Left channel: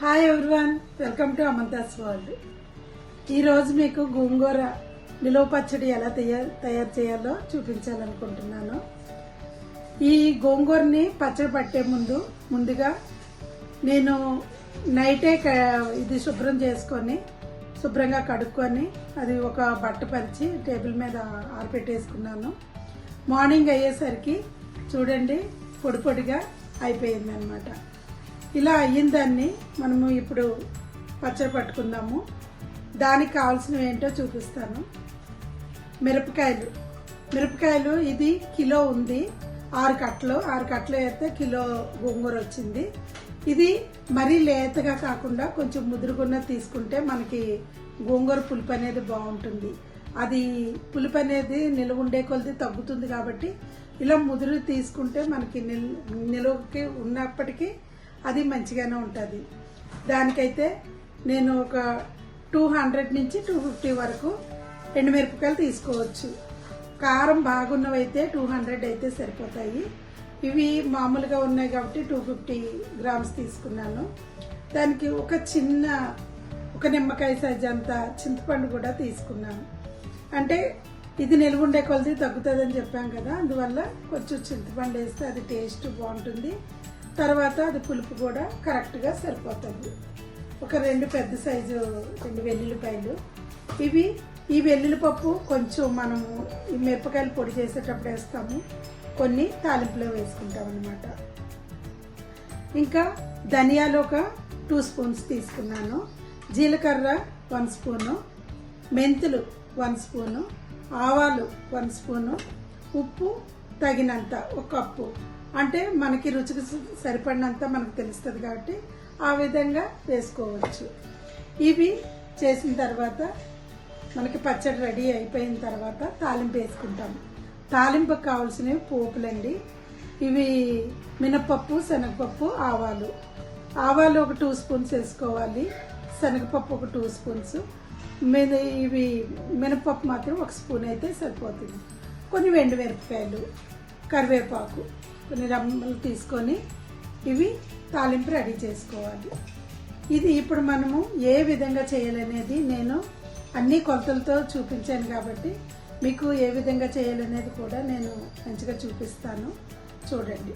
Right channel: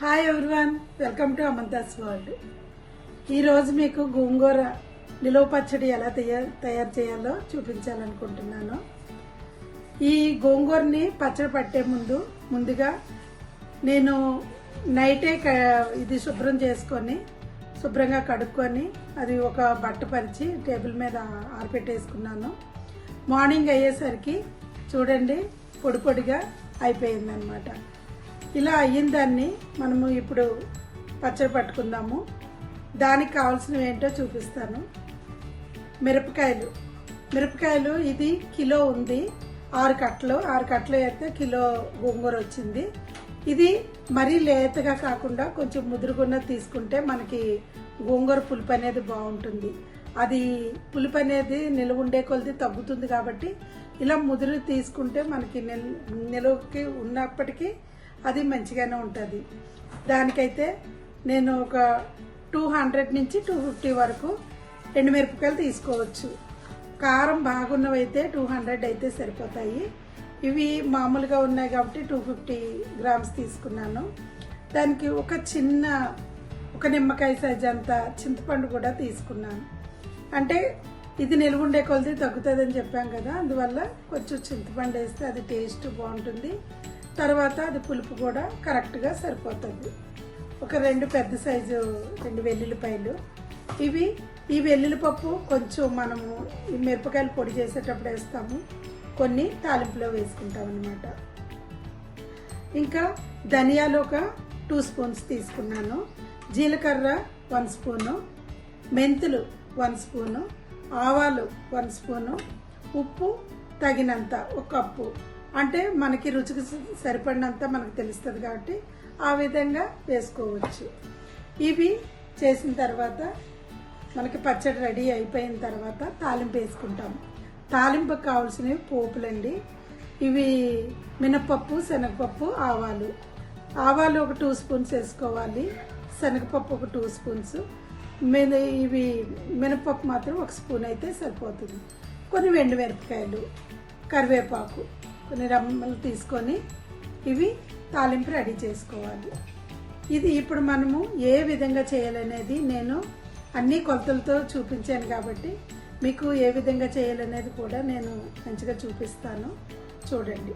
Hi everyone, welcome to Amantha's world. ఈరోజు మీకు గోంగూర నిలువ పచ్చడి ఎలా తయారు చేయాలో చూపించాలనుకుంటున్నాను. ఈ గోంగూరని పచ్చడి పట్టే ముందుగా నేను నైటే ఇది శుభ్రం చేసుకొని శుభ్రంగా కడుక్కొని అది ఒక బట్ట పరిచి టేబుల్ మీద ఆరబెట్టేసుకున్నాను. మార్నింగ్ అయ్యేసరికి చూడండి పొడి పొడిగా అయిపోయిందనమాట. ఇలా అయిన దాన్ని మనము ఇప్పుడు పచ్చడి పట్టుకుందాము. దానికి కావాల్సినవి ఏంటో చూపిస్తాను. మిరపకాయలు ఇది కిలో ఉంది. 6 కట్టలు అయితే కిలో గోంగూర వచ్చింది. ఇది మరీ లేతగా కాకుండా కొంచెం ముదురుగున్నది తీసుకుంటే మనకి గోంగూర పులుపు అనేది బాగుంటుంది. అది పులుపు అనేది నిలువ ఉండే కొలది తగ్గుతుంది కాబట్టి ఇలా ముదురు తీసుకుంటే మనకి నిలువకి ఉన్నప్పటికీ అది మంచిగానే ఉంటుంది. దానికైతే నేను ఒక 200 నుంచి 250 వరకు ఎండుమిరపకాయలు తీసుకోవచ్చు. కారం బాగున్నవైతే 200 అయితే సరిపోతాయి. ఇవి మామూలుగా ఉన్నాయి కాబట్టి 250 గ్రామ్స్ తీసుకున్నాను. దానికి ఒక నిమ్మకాయ సైజ్ అంత చింతపండు కూడా తీసుకున్నాను. అంటే ఇది నిలువ ఉండే కొలది తగ్గుతుందని చెప్పాం కదా, అందువల్ల కొంచెం చింతపండు వేస్తే అది టేస్ట్ బాగుంటుంది. తర్వాత అది పులుపు కూడా కరెక్ట్గా సరిపోతుంది. ఒక 2 పెద్ద సైజు 2 వెల్లుల్లిపాయలు. ఈ వెల్లుల్లిపప్పు కొంచెం మనము ఈ మిరపకాయలు పొడి చేసేటప్పుడు వేస్తాము, కొన్ని తాలింపులో వేసుకుంటాం అన్నమాట. ఇంకా ధనియాలు ఒక 2 స్పూన్స్ తీసుకున్నాను. జీలకర్ర 1 స్పూను, మెంతులు 1 స్పూను, ఆవాలు 1 స్పూను, ఉప్పు తగినంత 1 కప్పు. అంటే మనకి రుచికి సరిపడినంత మనకు తెలుస్తుంది కాబట్టి ఆ విధంగా వేసుకోవచ్చు. ఇవి చేసిన తర్వాత మనకి పచ్చడి రెడీ అయిపోయిన తర్వాత తాలింపు వేసుకుంటాం. తాలింపుకి కావాల్సినవి పోపులండి. ఇవి మినపప్పు, శనగపప్పు, ఆవాలు ఒక 2 స్పూన్స్ వేసుకోవాలి. శనగపప్పు ఒక 2 స్పూన్స్. ఇవి మినపప్పు మాత్రం 1 స్పూన్ అయితే సరిపోతుంది. కొన్ని ఎండుమిరపకాయలు, కరివేపాకు, కొన్ని రమ్మలు తీసుకొని ఇవి తాలింపు రెడీ చేసుకోవాలి. ఇది ఇప్పుడు మనము ఏ విధంగా చేయాలనేది నేను అన్ని కొలతలతో చూపించాను కాబట్టి మీకు ఏ విధంగా చేయాలనేది కూడా నేను మంచిగా చూపిస్తాను, చూడండి.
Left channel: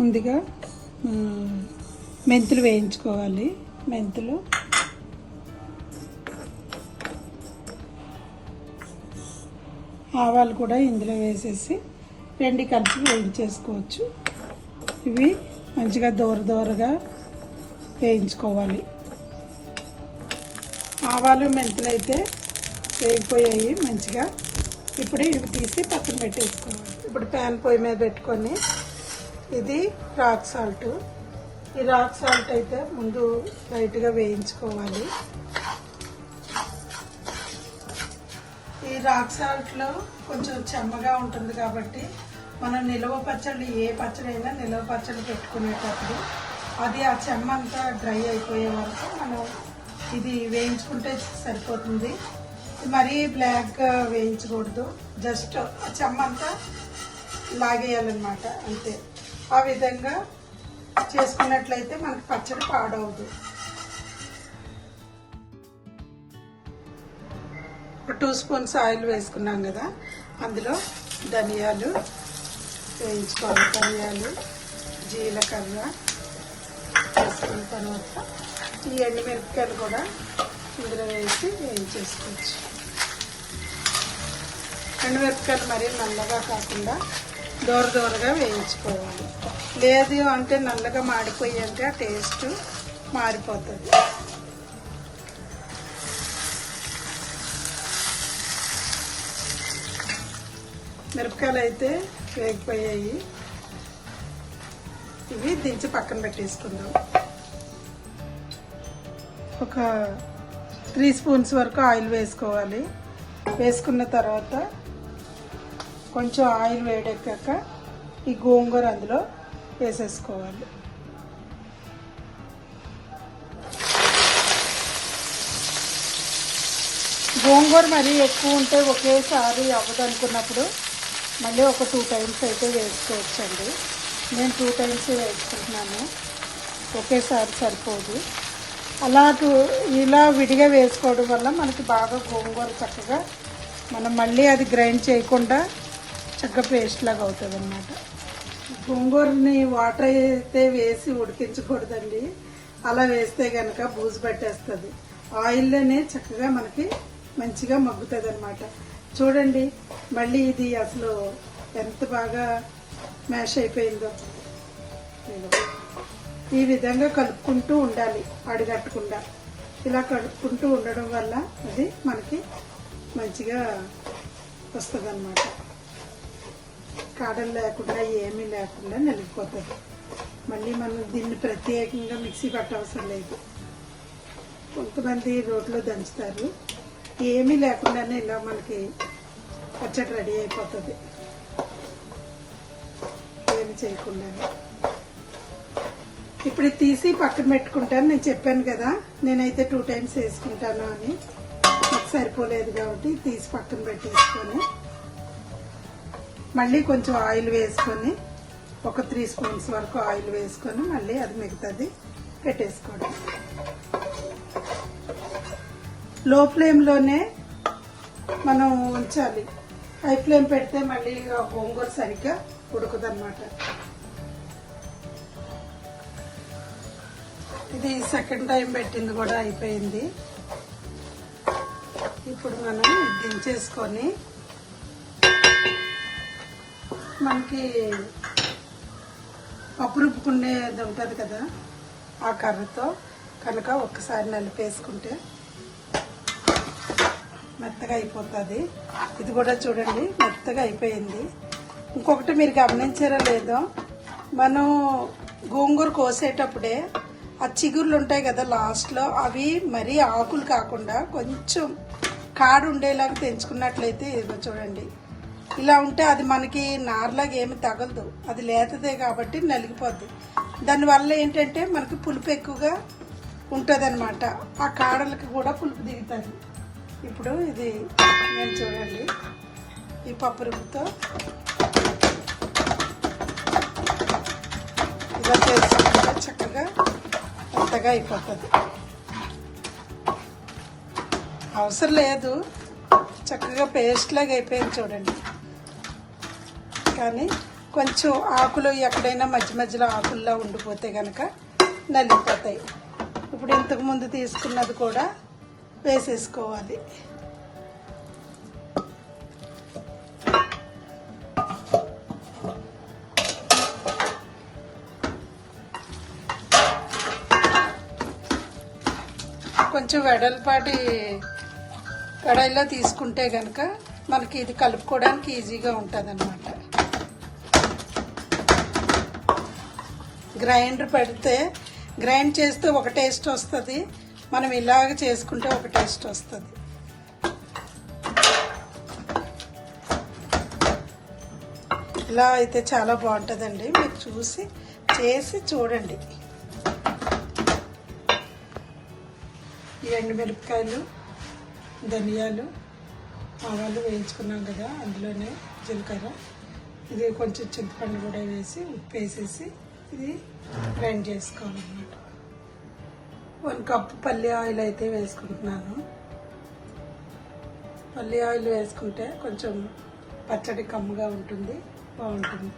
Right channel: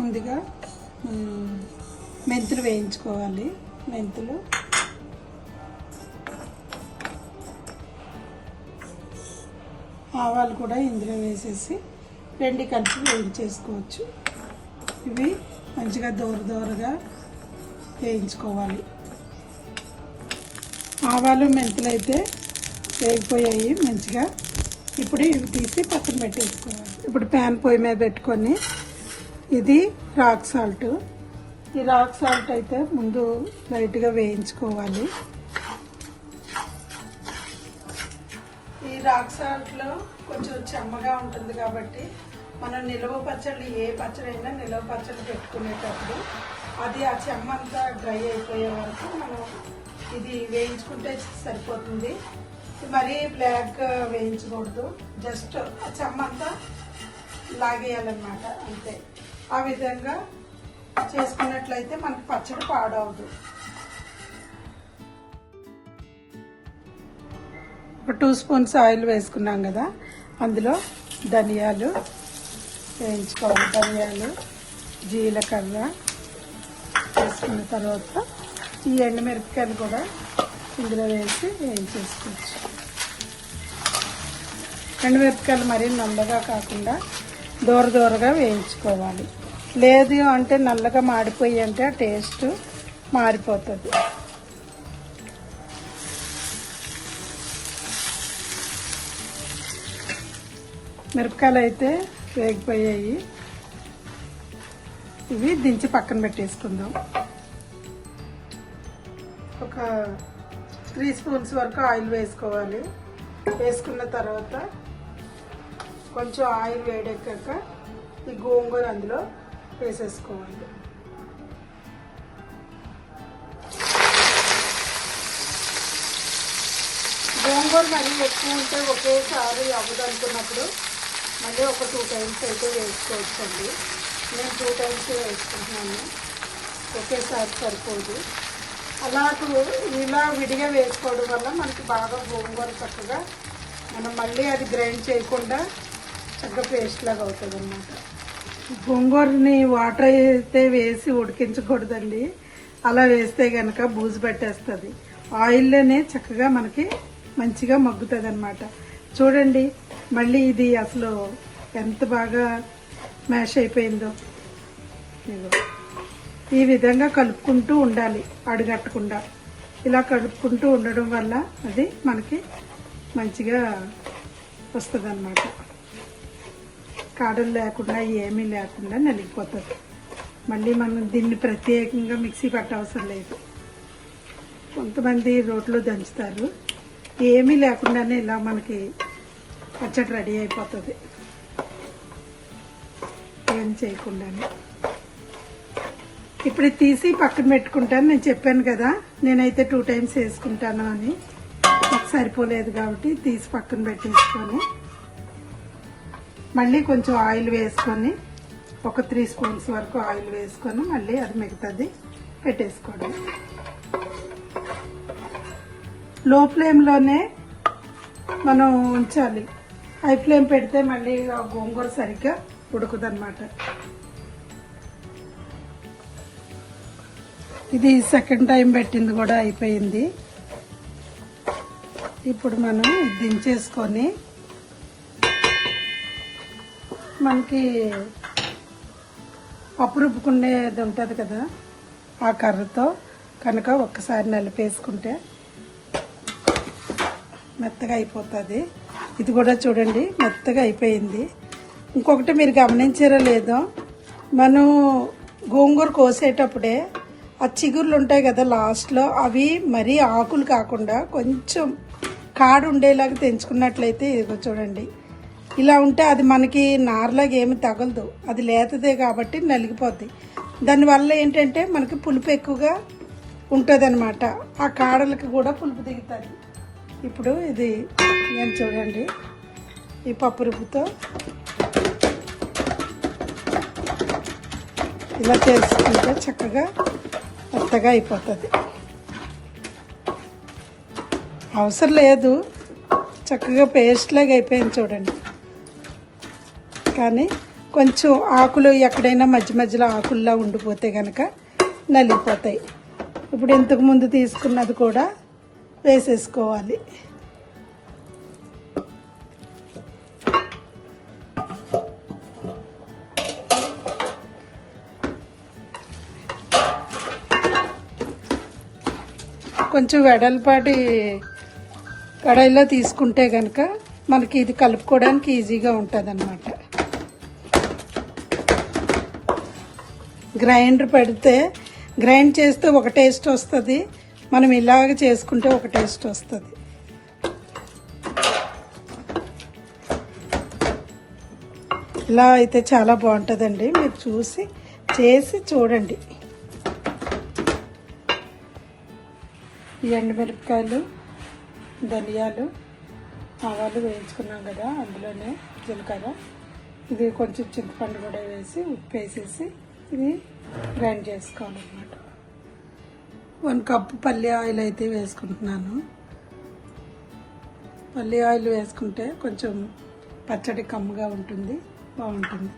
ముందుగా మెంతులు వేయించుకోవాలి. ఆవాలు కూడా ఇందులో వేసేసి 2 కలిపి వేయించేసుకోవచ్చు. ఇవి మంచిగా దోరగా వేయించుకోవాలి. ఆవాలు మెంతులు అయితే వేగిపోయాయి మంచిగా. ఇప్పుడు ఇవి తీసి పక్కన పెట్టేసుకోవాలి. ఇప్పుడు ప్యాన్ పొయ్యి మీద పెట్టుకొని ఇది రాక్ సాల్ట్. ఈ రాక్ సాల్ట్ అయితే ముందు లైట్గా వేయించుకోవాలి. ఈ రాక్ సాల్ట్ లో కొంచెం చెమ్మగా ఉంటుంది కాబట్టి మనం నిలువ పచ్చళ్ళు, ఏ పచ్చడి అయినా నిలువ పచ్చడి పెట్టుకునేటప్పుడు అది ఆ చెమ్మ అంతా డ్రై అయిపోయే వరకు మనం ఇది వేయించుకుంటే సరిపోతుంది. మరీ బ్లాక్గా వేయించకూడదు, జస్ట్ ఆ చెమ్మ అంతా లాగేయాలన్నమాట, అంతే. ఆ విధంగా చేసుకున్నట్లయితే మనకు పచ్చడి పాడవదు. 2 స్పూన్స్ ఆయిల్ వేసుకున్నాం కదా, అందులో ధనియాలు వేయించుకోవాలి. జీలకర్ర వేసుకున్న తర్వాత ఈ ఎండుమిరపకాయలు కూడా ఇందులో వేసి వేయించేసుకోవచ్చు. ఎండుమిరపకాయలు మరీ నల్లగా కాకుండా దూరగా వేయించుకోవాలి. లేదు అంటే నల్లగా మాడిపోయి అంటే టేస్ట్ మారిపోతుంది. మిరపకాయలు అయితే వేగిపోయాయి. ఇవి దించి పక్కన పెట్టేసుకుందాం. ఒక 3 స్పూన్స్ వరకు ఆయిల్ వేసుకోవాలి. వేసుకున్న తర్వాత కొంచెం ఆయిల్ వేడెక్కాక ఈ గోంగూర అందులో వేసేసుకోవాలి. గోంగూర మరీ ఎక్కువ ఉంటే ఒకేసారి అవ్వదనుకున్నప్పుడు మళ్ళీ ఒక 2 టైమ్స్ అయితే వేసుకోవచ్చండి. నేను 2 టైమ్స్ వేసుకుంటున్నాను. ఒకేసారి సరిపోదు. ఇలా విడిగా వేసుకోవడం వల్ల మనకి బాగా గోంగూర చక్కగా మనం మళ్ళీ అది గ్రైండ్ చేయకుండా చక్కగా పేస్ట్ లాగా అవుతుంది అన్నమాట. గోంగూరని వాటర్ అయితే వేసి ఉడికించకూడదండి. అలా వేస్తే కనుక బూజు పట్టేస్తుంది. ఆయిల్లోనే చక్కగా మనకి మంచిగా మగ్గుతుంది అన్నమాట. చూడండి మళ్ళీ ఇది అసలు ఎంత బాగా మ్యాష్ అయిపోయిందో. ఈ విధంగా కలుపుకుంటూ ఉండాలి, అడుగట్టకుండా. ఇలా కలుపుకుంటూ ఉండడం వల్ల అది మనకి మంచిగా వస్తుంది అన్నమాట. కాడలు లేకుండా ఏమీ లేకుండా నలిగిపోతుంది. మళ్ళీ మనం దీన్ని ప్రత్యేకంగా మిక్సీ పట్టవసరం లేదు. కొంతమంది రోట్లో దంచుతారు. ఏమీ లేకుండానే ఇలా మనకి పచ్చడి రెడీ అయిపోతుంది, ఏం చేయకుండానే. ఇప్పుడు తీసి పక్కన పెట్టుకుంటాను. నేను చెప్పాను కదా నేనైతే 2 times వేసుకుంటాను అని. నాకు సరిపోలేదు కాబట్టి తీసి పక్కన పెట్టేసుకొని మళ్ళీ కొంచెం ఆయిల్ వేసుకొని ఒక 3 spoons వరకు ఆయిల్ వేసుకొని మళ్ళీ అది మిగతాది పెట్టేసుకోండి. లో ఫ్లేమ్లోనే మనం ఉంచాలి. హై ఫ్లేమ్ పెడితే మళ్ళీ గోంగూర సరిగ్గా ఉడకదన్నమాట. ఇది సెకండ్ టైం పెట్టింది కూడా అయిపోయింది. ఇప్పుడు మనం దించేసుకొని మనకి పప్పు రుబ్బుకునేది ఉంటుంది కదా, ఆ కర్రతో కనుక ఒక్కసారి నలిపేసుకుంటే మెత్తగా అయిపోతుంది. ఇది కూడా చూడండి మెత్తగా అయిపోయింది. ఇంకొకటి మీరు గమనించారో లేదో, మనం గోంగూర కోసేటప్పుడే ఆ చిగుర్లు ఉంటాయి కదా లాస్ట్లో, అవి మరీ ఆకులు కాకుండా కొంచెం కాడు ఉండేలాగా తెంచుకున్నట్లయితే ఇది చూడండి ఇలా ఉంటే అది మనకి నార్లాగా ఏమి తగలదు. అది లేతదే కాబట్టి నలిగిపోతాయి. దానివల్ల ఏంటంటే మనకి పులుపు ఎక్కువగా ఉంటుంది అనమాట. ఆ కాడలకి కూడా పులుపు దిగుతుంది. ఇప్పుడు ఇది నేను చూడండి ఈ పప్పు రుబ్బుతో ఇలా చేసుకుంటే చక్కగా మెత్తగా అయిపోతుంది. అవసరం లేదు, చక్కగా పేస్ట్ లాగా అయిపోయింది చూడండి. కానీ కొంచెం ఆకులు ఎక్కడైనా మధ్య మధ్యలో ఆకుల్లా ఉండిపోతే కనుక నలిగిపోతాయి. ఇప్పుడు ఇంతకు ముందు తీసుకున్నది కూడా వేసేసుకోవాలి. కొంచెం వెడల్పాటి కడాయిలో తీసుకుంటే కనుక మనకి ఇది కలుపుకోవడానికి ఈజీగా ఉంటుంది అన్నమాట. గ్రైండర్ పెడితే గ్రైండ్ చేస్తే ఒక టేస్ట్ వస్తుంది, మనం ఇలాగ చేసుకుంటే ఒక టేస్ట్ వస్తుంది. ఇలా అయితే చాలా బాగుంటుందండి. మీరు చేసి చూడండి. ఎండుమిరపకాయలు, ధనియాలు, ఆవాలు వేయించుకున్నాం కదా, అందులోనే జీలకర్ర, ఇది కొంచెం చింతపండు కూడా వేసి ఉప్పు వేసేసి ఇది గ్రైండ్ చేసుకోవాలన్నమాట. 1 కప్ పల్లి ఆయిల్ అయితే వేసుకుంటున్నాను. పల్లి ఆయిల్ వేసుకుంటే కొంచెం పచ్చడి కమ్ముగా ఉంటుంది, బాగుంటుంది.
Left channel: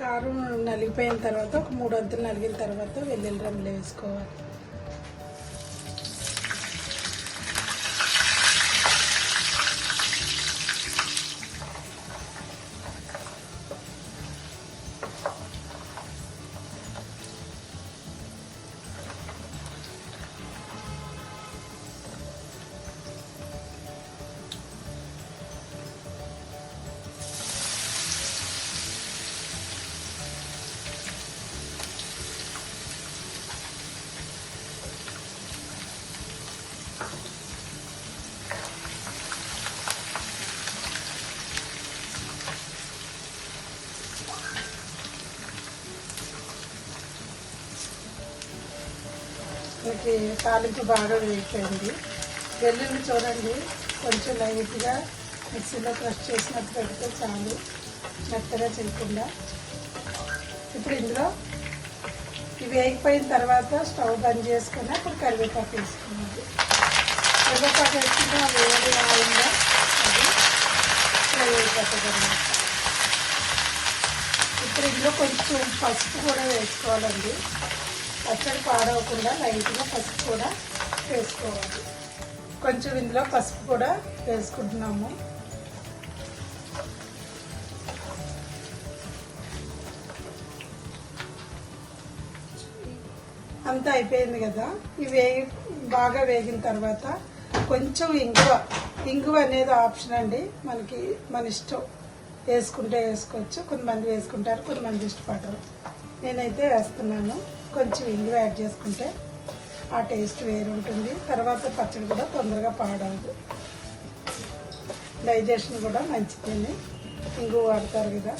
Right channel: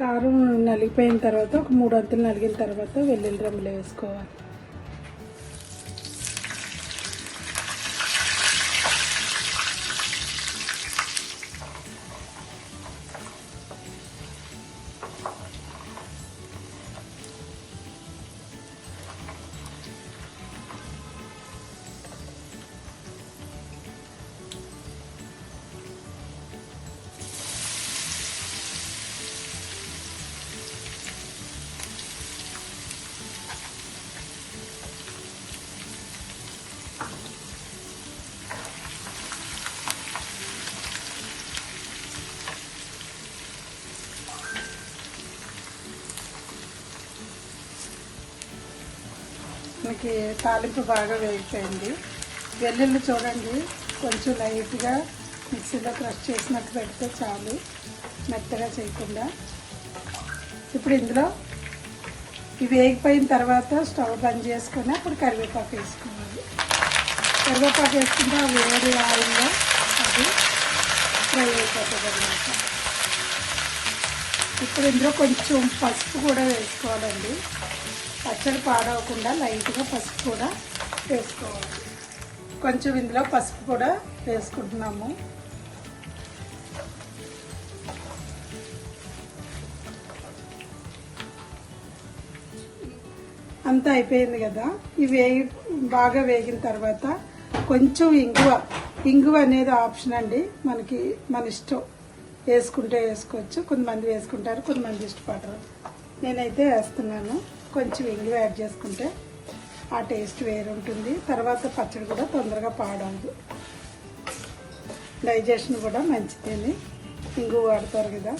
కారం నలిగిపోయిన తర్వాత ఒక 3 వంతులు నలిగిన తర్వాత వెల్లుల్లి రెమ్మలు వేసుకోవాలి. మనకి తాలింపు బాగా వేగిపోయింది. వెల్లుల్లి చూడండి కొంచెం లైట్గా మిక్సీలో క్రష్ చేసినట్టు పెడితే చాలు, మెత్తగా చేయకుండా. ఇప్పుడు ఇందులో ఇవి వేగిపోయిన తర్వాత స్టవ్ బంద్ చేసుకుని ఇప్పుడు కరివేపాకు వేసుకోవాలి. కరివేపాకు వేసుకుంటే ఇప్పుడు ఇందులో కొంచెం పసుపు కూడా వేసుకోవాలండి. పచ్చడి పాడవకుండా లైట్గా పసుపు కూడా వేసుకోవాలి. కొంచెం ఇందులో పసుపు కూడా వేసుకుంటున్నాము. అంతా అయిపోయింది కదా. ఇవి బాగా వేగిన తర్వాత కొంచెం ఇంగువ అనేది ఆప్షన్ అండి, మనకి మన ఇష్టం, వేసుకుంటే వేసుకోవచ్చు. కొంతమంది వేసుకుంటారు, కొంతమంది ఇష్టపడరు. నేనైతే వేస్తున్నాను. కొంచెం ఇంగువ యాడ్ చేసుకుంటే ఆ టేస్ట్ వేరు ఉంటుంది. తర్వాత పచ్చడి కూడా తొందరగా పాడవదు, డైజెషన్ కూడా మంచిదని ఇంగువ వాడతారు కదా.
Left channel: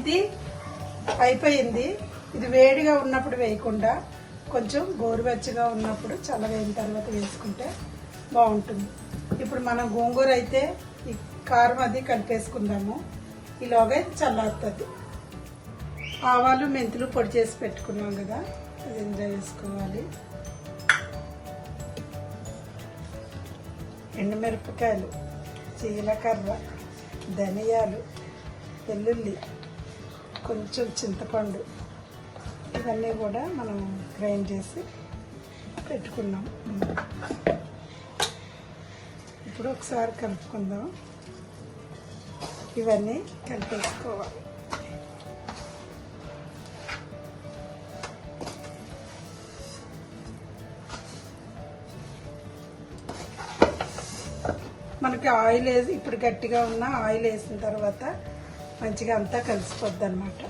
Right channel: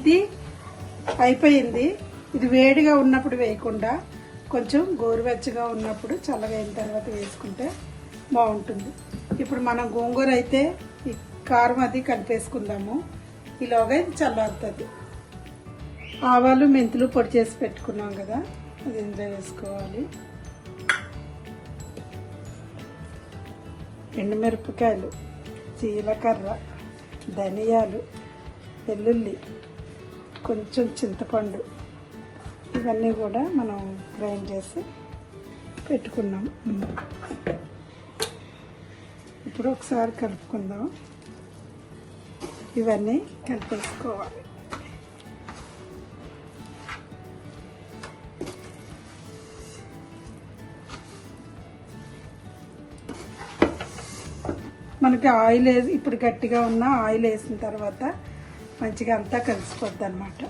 ఇది అయిపోయింది. ఇది వేడిగా ఉన్నప్పుడు వేయకుండా కొంచెం గోరువెచ్చగా ఉన్నప్పుడు చల్లగైన తర్వాత వేసుకుంటే బాగుంటుంది. ఇప్పుడు మనం గోంగూర అయితే ఈ కారం అది కలిపేసుకుందాము. ఈలోగా ఇది చల్లారుతుంది. ఆవాలు మెంతులు పొడి చేసి పెట్టుకున్నాం కదా, అది ఇందులో వేసుకోవాలి. ఎండుమిరపకాయలు, జీలకర్ర, ధనియాలు, వెల్లుల్లి, కొంచెం చింతపండు, ఇవన్నీ కూడా మనం గ్రైండ్ చేసి పెట్టుకున్నాం. ఇప్పుడు ఒకసారి కలుపుకుందాం. ఇవన్నీ కలిపేసుకోవాలి. మనకి ఆయిల్ వేసి ఇప్పుడు గట్టిగా ఉన్న ఆయిల్ వేసిన తర్వాత మంచిగా అంతా కలిసిపోద్ది అన్నమాట.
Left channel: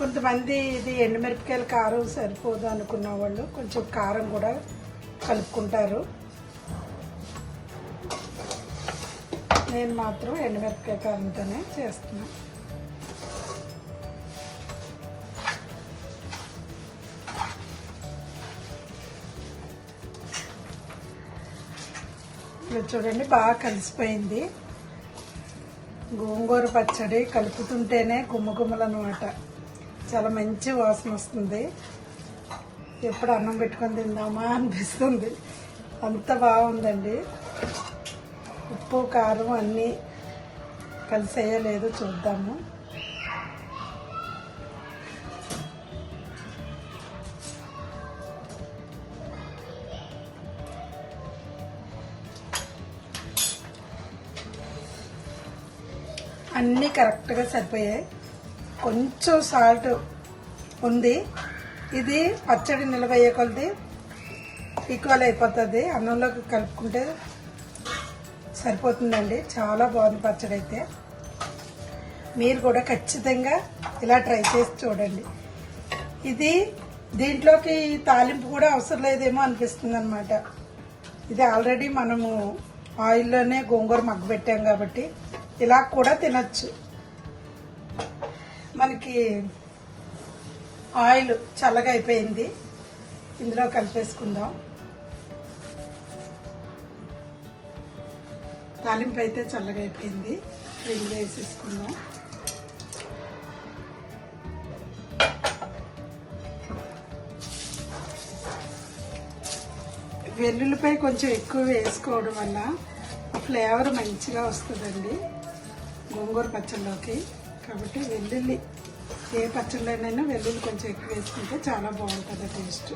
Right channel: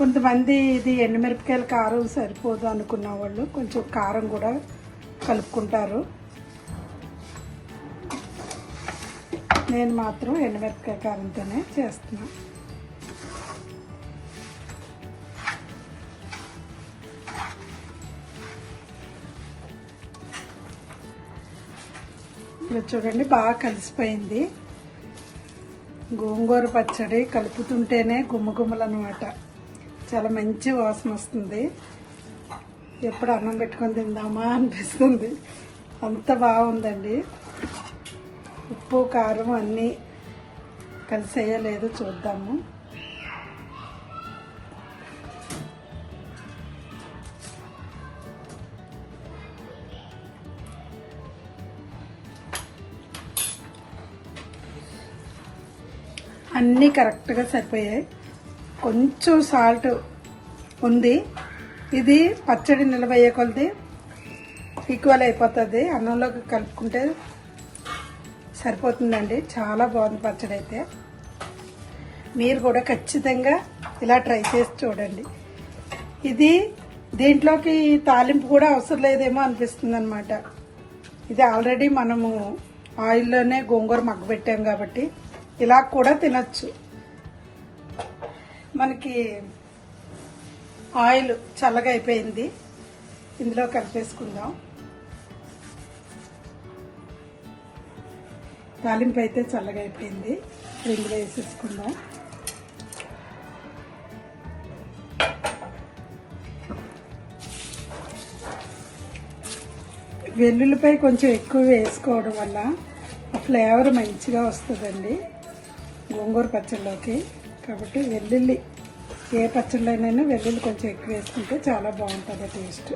కొంతమంది ఇది ఎండుమిరపకాయల కారం సరిపోదు అనుకున్న వాళ్ళు కొంచెం కారం కూడా కలుపుకుంటారు. నేను మాత్రం ఎండుమిరపకాయ కారంతోనే చేస్తున్నాను. ఇలా చూడండి, బాగా కలిసిపోయింది. గోంగూర పచ్చడి కలుపుతుంటేనే గుమ్మగుమ్మలు అన్నమాట. చాలా మంచి వాసన వస్తుంది. ఎప్పుడు అన్నం పెట్టుకొని తిందామా అనిపిస్తుంది, అంత బాగుందండి. ఉప్పు కారం అన్నీ కలిసేయో లేదో చూద్దాము. అన్నీ కరెక్ట్గా సరిపోయాయి. కొంచెం సాల్ట్ ఉంది. ఇది పచ్చడి నిలబయ్యే కొద్ది ఈక్వల్ అయిపోతుంది. అన్నంలోకి కలుపుకుంటే సరిపోతుందండి. చాలా బాగుంది పచ్చడి అయితే. మీరు కూడా ఖచ్చితంగా ఇలా ట్రై చేసి చూడండి. ఇది దీంట్లోకి తాలింపు కూడా అవసరం లేదేమో అనిపిస్తుంది అనమాట. ఇది ఆల్రెడీ మనము ఆయిల్లోనే గోంగూర మగ్గబెట్టాం కాబట్టి ఇలా కూడా తినచ్చు. మనకి ఆయిల్ చల్లగా అయిపోయింది, ఇందులో కలిపేసుకుందాం. తాలింపు అయితే చల్లగా అయిపోయింది, ఇందులో వేసేసుకుందాం. వెల్లుల్లిపాయ కొంచెం ఎక్కువ వేసుకోవడం వల్ల ఫ్లేవర్ మంచిగా వస్తుందండి గోంగూర పచ్చళ్ళలోకి. కాబట్టి వెల్లుల్లి ఏ పచ్చళ్ళైనా వెల్లుల్లి కొంచెం ఎక్కువ వేసుకుంటే చాలా బాగుంటుంది టేస్ట్.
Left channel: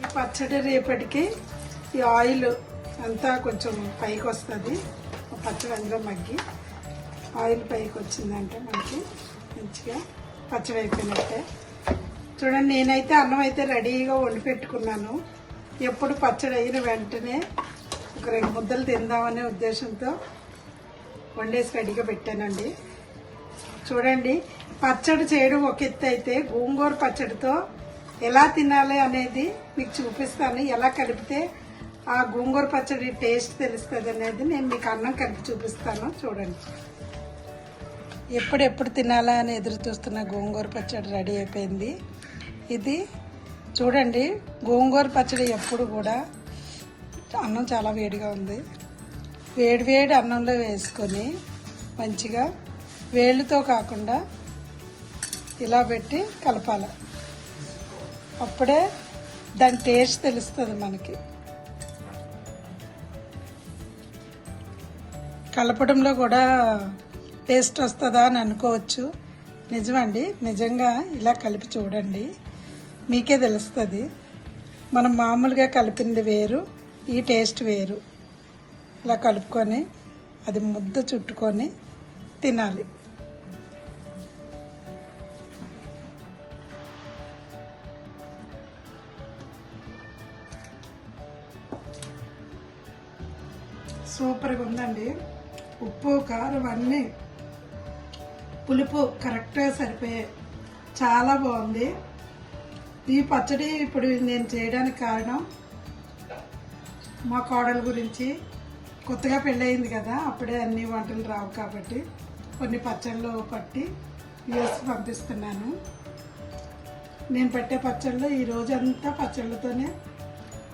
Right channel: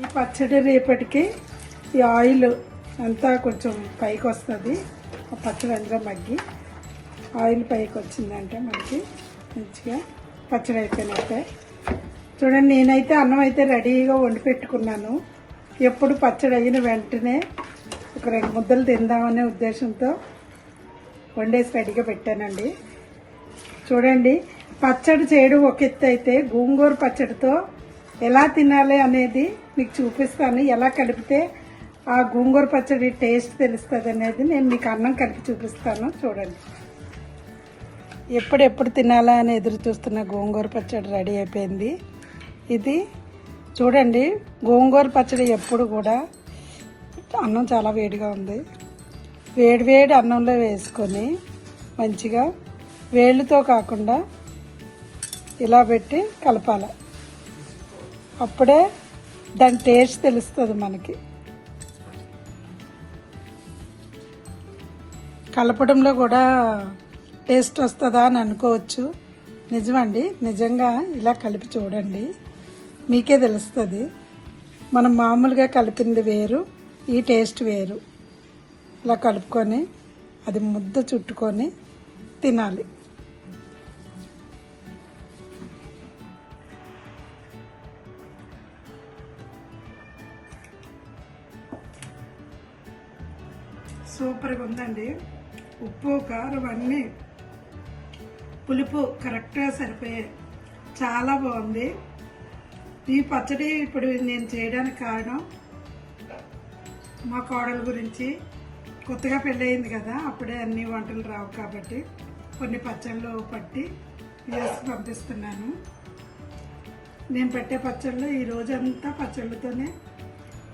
ఈ పచ్చడి రేపటికి ఈ ఆయిల్ అంతా కొంచెం పైకి వస్తుంది. పచ్చడి అందులో మగ్గి ఆయిల్ పైకి వచ్చిందంటే మనకి మంచిగా పచ్చడి అయిపోయినట్టే. చూడండి, నేనైతే అన్నం అయితే రెడీగా వండి పెట్టుకున్నాను. ఎప్పుడు పచ్చడి అయిన వెంటనే ఒక 2 ముద్దలు తిందామనే ఉద్దేశంతో వండేసి రెడీగా పెట్టానండి. చూడండి, పచ్చడి చేయడం ఒక ఎత్తు అయితే గోంగూర పచ్చడితో ఎలా తినాలి అనేది మీకు చూపిస్తాను. ఎలా కలిపితే ఆ గోంగూర పచ్చడి టేస్ట్ తెలుస్తుంది అనేది నేను మీకు అన్నం కలిపి చూపిస్తాను. చూడండి, ఎప్పుడెప్పుడు తినాలా అని ఎదురు చూస్తున్న గోంగూర పచ్చడి రెడీ అయిపోయింది. ఇది చూడండి, గోంగూర పచ్చడి ఎప్పుడు కూడా అన్నం చాలా వేడిగా ఉంది. వేడి వేడి అన్నంలో వేసుకొని మంచిగా వేళ్ళతో కాకుండా ఇలా పెట్టి కలపాలి. అప్పుడే దాని టేస్ట్ తెలుస్తుంది మనకి. కలపడంలో కూడా టేస్ట్ వస్తుందా అని అనుకోవచ్చు. నిజమండి, నిజంగా ఇలా కలిపి చూడండి, మీకే తెలుస్తుంది. మనం మామూలుగా కలిపింది వేరు, ఈ టేస్ట్ వేరు. ఇలా కలుపుకొని అది ముద్ద చుట్టుకొని తినాలి. సూపర్గా ఉందండి. ఉప్పు కారం అన్నీ పులుపు కరెక్ట్గా సరిపోయాయి. చాలా బాగుంది ఈ పచ్చడి. ఇప్పుడు నేను చేయడానికి కారణం మా కోడల గురించి. కొత్తగా పెళ్ళయింది కదా, అప్పుడే అన్ని వంటలు రావు కాబట్టి కొన్ని పచ్చళ్ళు పట్టి వేసి పంపిస్తున్నాను. నేను పెట్టే పచ్చళ్ళు ఈ రోజంతా పచ్చళ్ళతోనే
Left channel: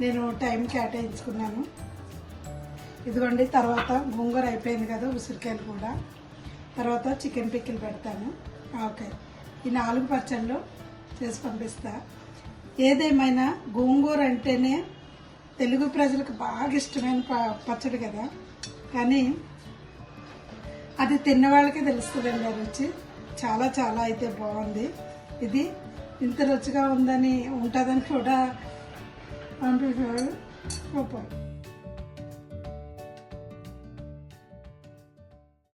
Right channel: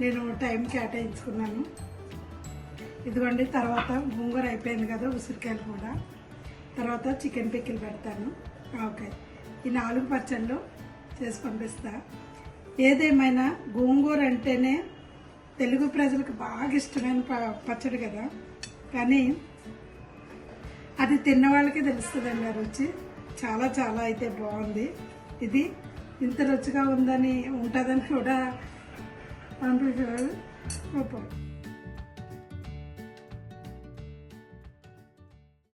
నేను టైం కేటాయించుకున్నాను. ఇదిగోండి, తర్వాత గోంగూర అయిపోయింది కదా, ఉసిరికాయలు కూడా. తర్వాత చికెన్ పిక్కిలు పెడతాను. ఓకే, ఈ 4 పచ్చళ్ళు చేసి పంపిస్తా. ఏదేమైనా గోంగూర అంటేనే తెలుగు ప్రజలకు బాగా ఇష్టమైన పచ్చడి కదా, కానీ అది తిన్న వాళ్ళకే తెలుస్తుందండి ఆ రుచి. చాలా చాలా అయితే బాగుంది. ఇది ఇంత రుచిగా ఉంటుందని కూడా పంపించారు. సూపర్.